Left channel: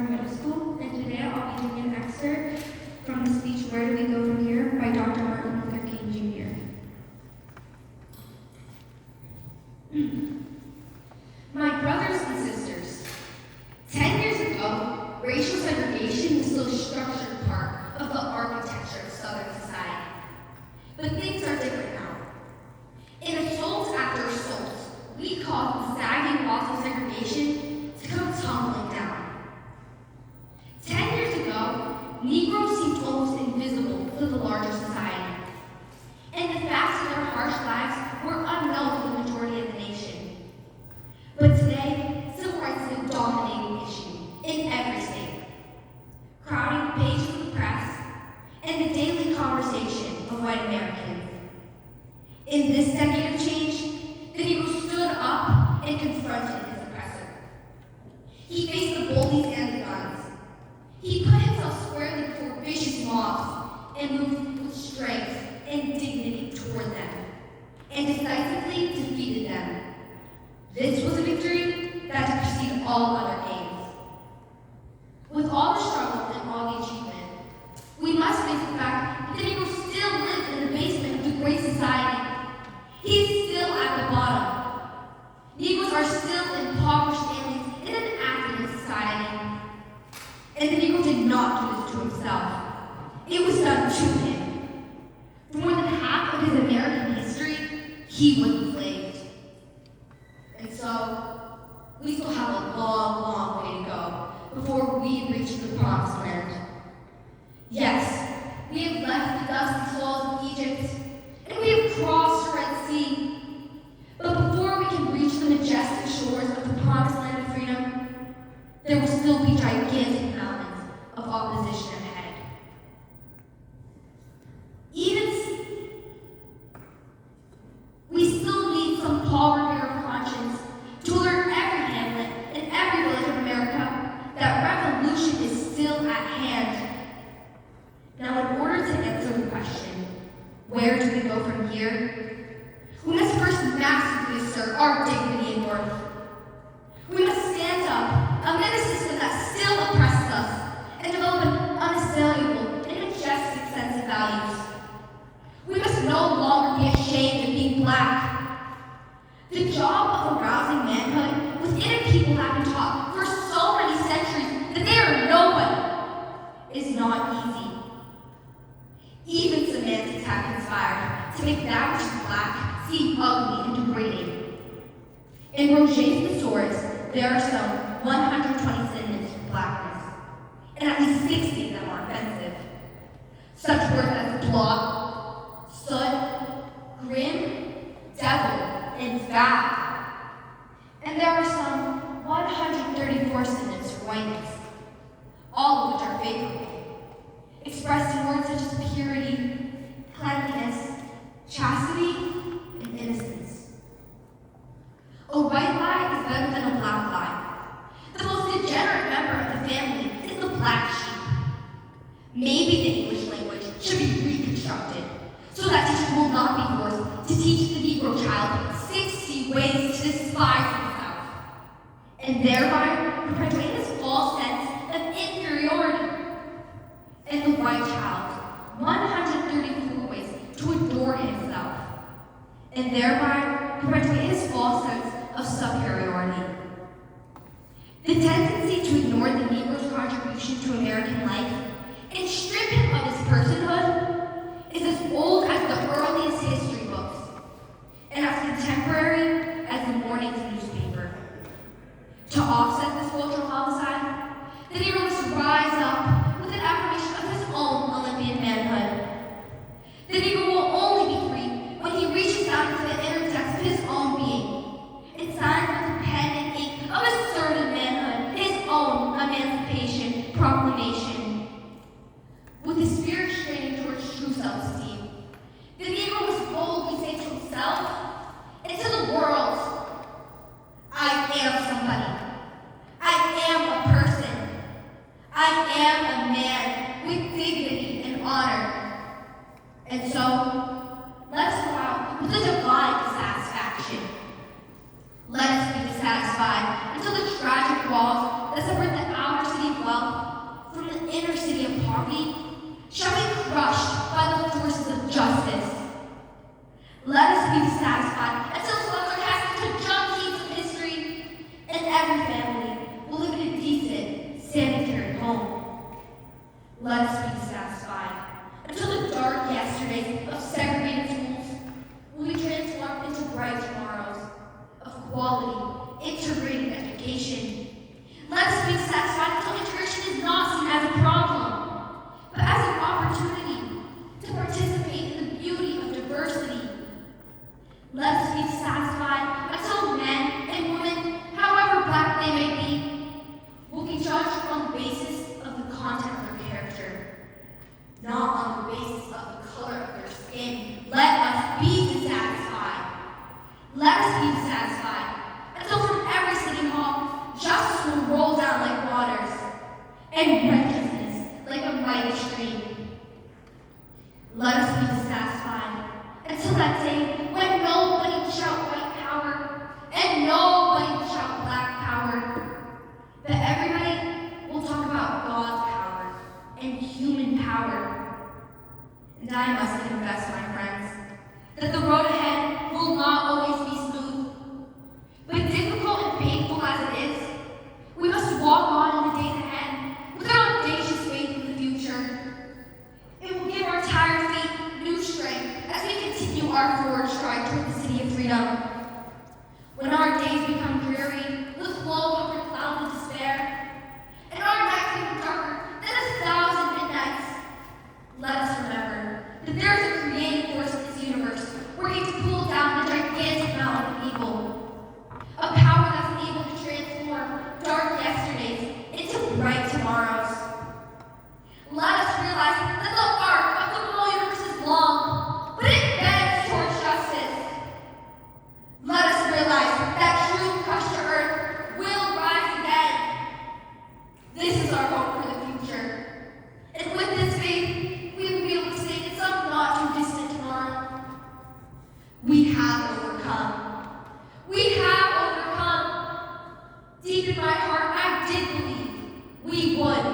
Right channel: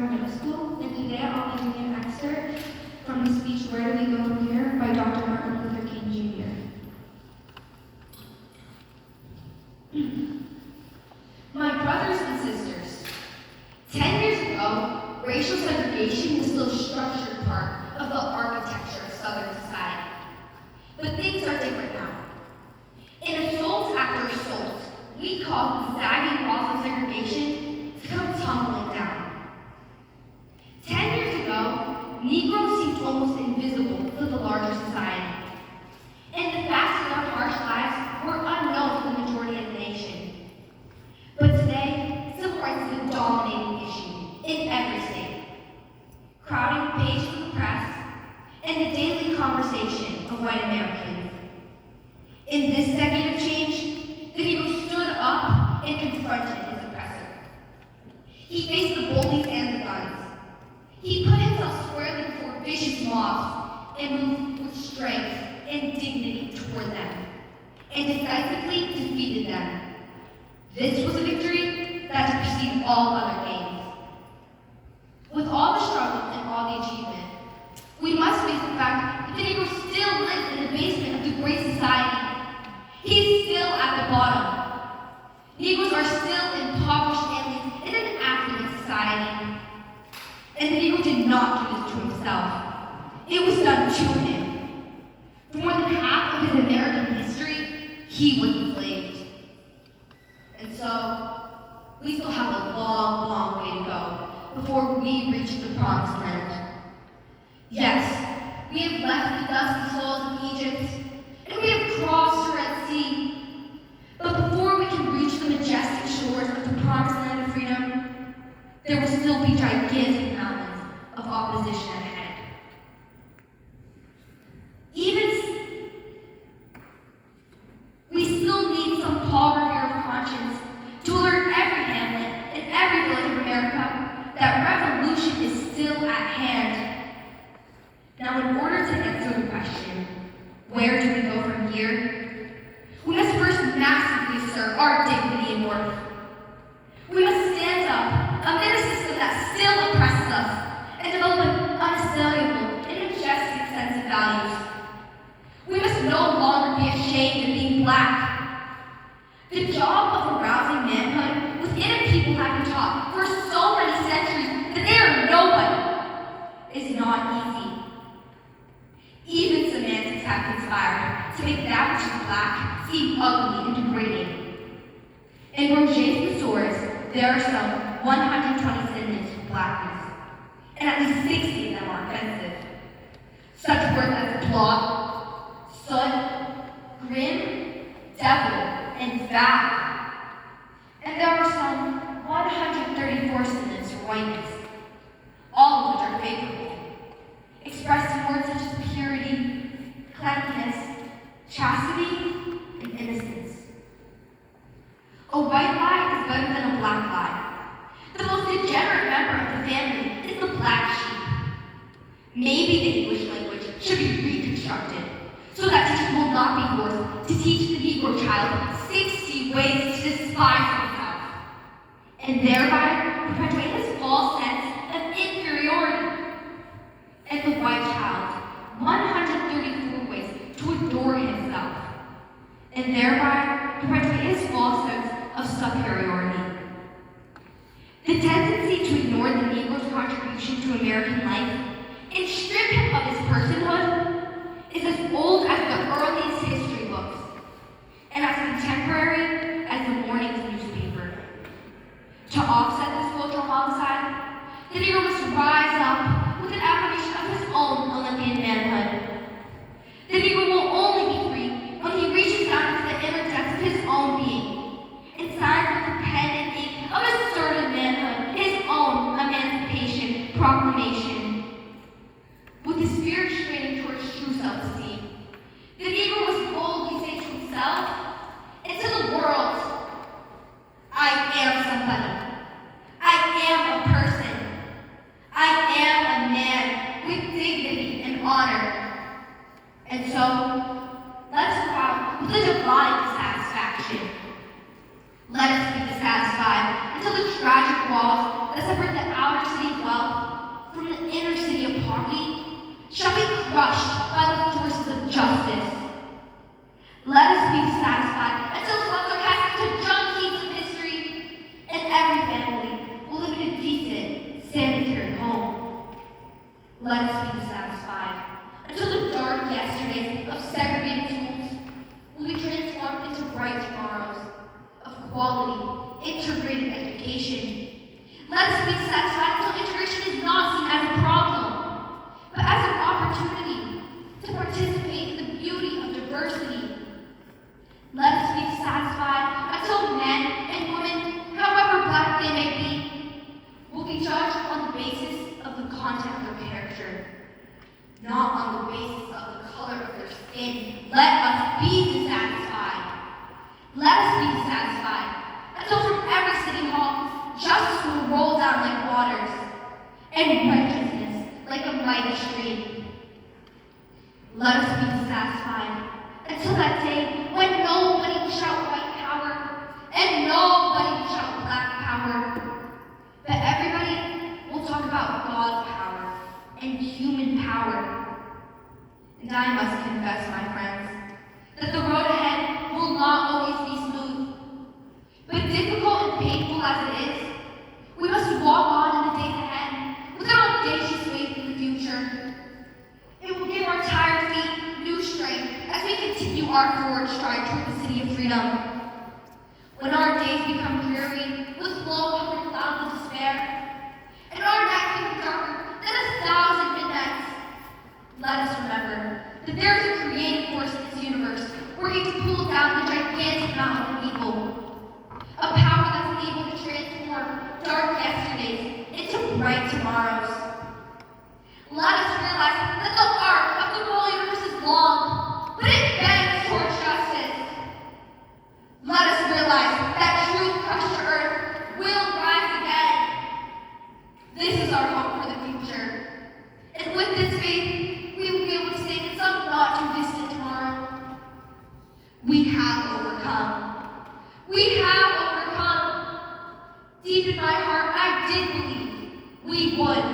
Spring Middle School, and today I'll be reading an excerpt from the speech Where Do We Go From Here by Dr. Martin Luther King Jr. My brothers and sisters, 10 years ago, racial segregation was still a structured part of the architecture of Southern society. But things are different now. In assault after assault, we call the sagging walls of segregation to come tumbling down. 10 years ago, Negroes seemed almost invisible to the larger society. And the facts of their harsh lives were unknown to the majority of the nation. But today, civil rights is a dominating issue in every state, crowding the pages of the press and the daily conversation of white Americans. In this decade of change, the Negro stood up and confronted his oppressor. He faced the bullies and the guns. He put himself squarely before vicious mobs and moved with strength and dignity toward them, and decisively defeated them. This was a victory that superseded all other gains. With all the struggle and all the achievement, we must face the fact that the Negro still lives in the basement of the great society. He's still at the bottom. Negroes are still impoverished families in an affluent society. And the Negro did not do this to himself. It was done to him. For more than half of his American history, he was enslaved. And so, we still have a long, long way to go before we reach the promised land. Yes, we have left the dusty soils of Egypt, and we have crossed the Red Sea. But before we can reach the majestic shores of the promised land of freedom, there will still be gigantic mountains of opposition ahead. We still need some poverty of conscience to alert every hamlet and every village of America that revolution is still at hand. Now, in order to answer the question, where do we go from here? We must first massively assert our dignity and worth. We must stand up amid a system that still oppresses us and develop an unassailable and majestic sense of values. We must no longer be ashamed of being black. The job of arousing manhood within a people have been taught for so many centuries that they are nobody is not easy. Even semantics have conspired to make that which is black seem ugly and degrading. In Roget's thesaurus, there are some 120 synonyms for blackness, and at least 60 of them are offensive. Such words as blot, soot, grim, devil, and foul. And there are some 134 synonyms for whiteness, all of which are favorable, expressed in words such as purity, cleanliness, chastity, and innocence. A white lie is better than a black lie. The most degenerate member of the family is the black sheep. Maybe the English language should be reconstructed so that teachers will not be forced to teach the Negro child 60 ways to despise himself, and thereby perpetuate his false sense of inferiority. And the white child 134 ways to adore himself, and thereby perpetuate his false sense of superiority. The tendency to ignore the Negro's contribution to American life and strip him of his personhood is as old as the earliest history books, and as contemporary as the morning's newspaper. To offset this cultural homicide, the Negro must rise up with an affirmation of his own Olympian manhood. The Negro will only be free when he reaches out into the inner depths of his own being and signs with the pen and ink of assertive manhood his own emancipation proclamation. With his spirit straining towards true self-esteem, the Negro must boldly say to himself and to the world, I am somebody. I am a person. I poverty shall be crushed by the forces of justice. Let us be satisfied until slugs are cast into junk heaps of history, and every family will live in a decent, sanitary home. Let us be satisfied until the dark yesterdays of segregated schools will be transformed into bright tomorrows of quality, integrated education. Let us be satisfied until integration is not seen as a problem, but as an opportunity to participate in the beauty of diversity. Let us be satisfied until men and women, however black they may be, will be judged on the basis of the content of their character, not on the basis of the color of their skin. Let us be satisfied. Let us be satisfied until from every city hall, justice will roll down like waters, and righteousness like a mighty stream. Let us be satisfied until that day when nobody will shout white power and nobody will shout black power, but everybody will talk about God's power and human power. And I must confess, my friends, that the road ahead will not always be smooth, but difficult and painful as it is, we must walk on in the days ahead with our audacious faith in the future. It will give our tired feet new strength as we continue our forward stride toward the city of freedom. When our days become dreary with low-covered clouds of despair, and our nights become darker than 1,000 midnights, let us remember that there is a creative force in this universe working to pull down the gigantic mountain of evil, a power that's able to transform dark yesterdays into bright tomorrows. Let us realize that the arc of the whole universe is long, but it bends toward justice. Let us realize that truth crushed to earth will rise again. This is our hope for the future. And with this faith, we will be able to say that some not too distant tomorrow, we have overcome. We have overcome. Deep in my heart, I did believe we would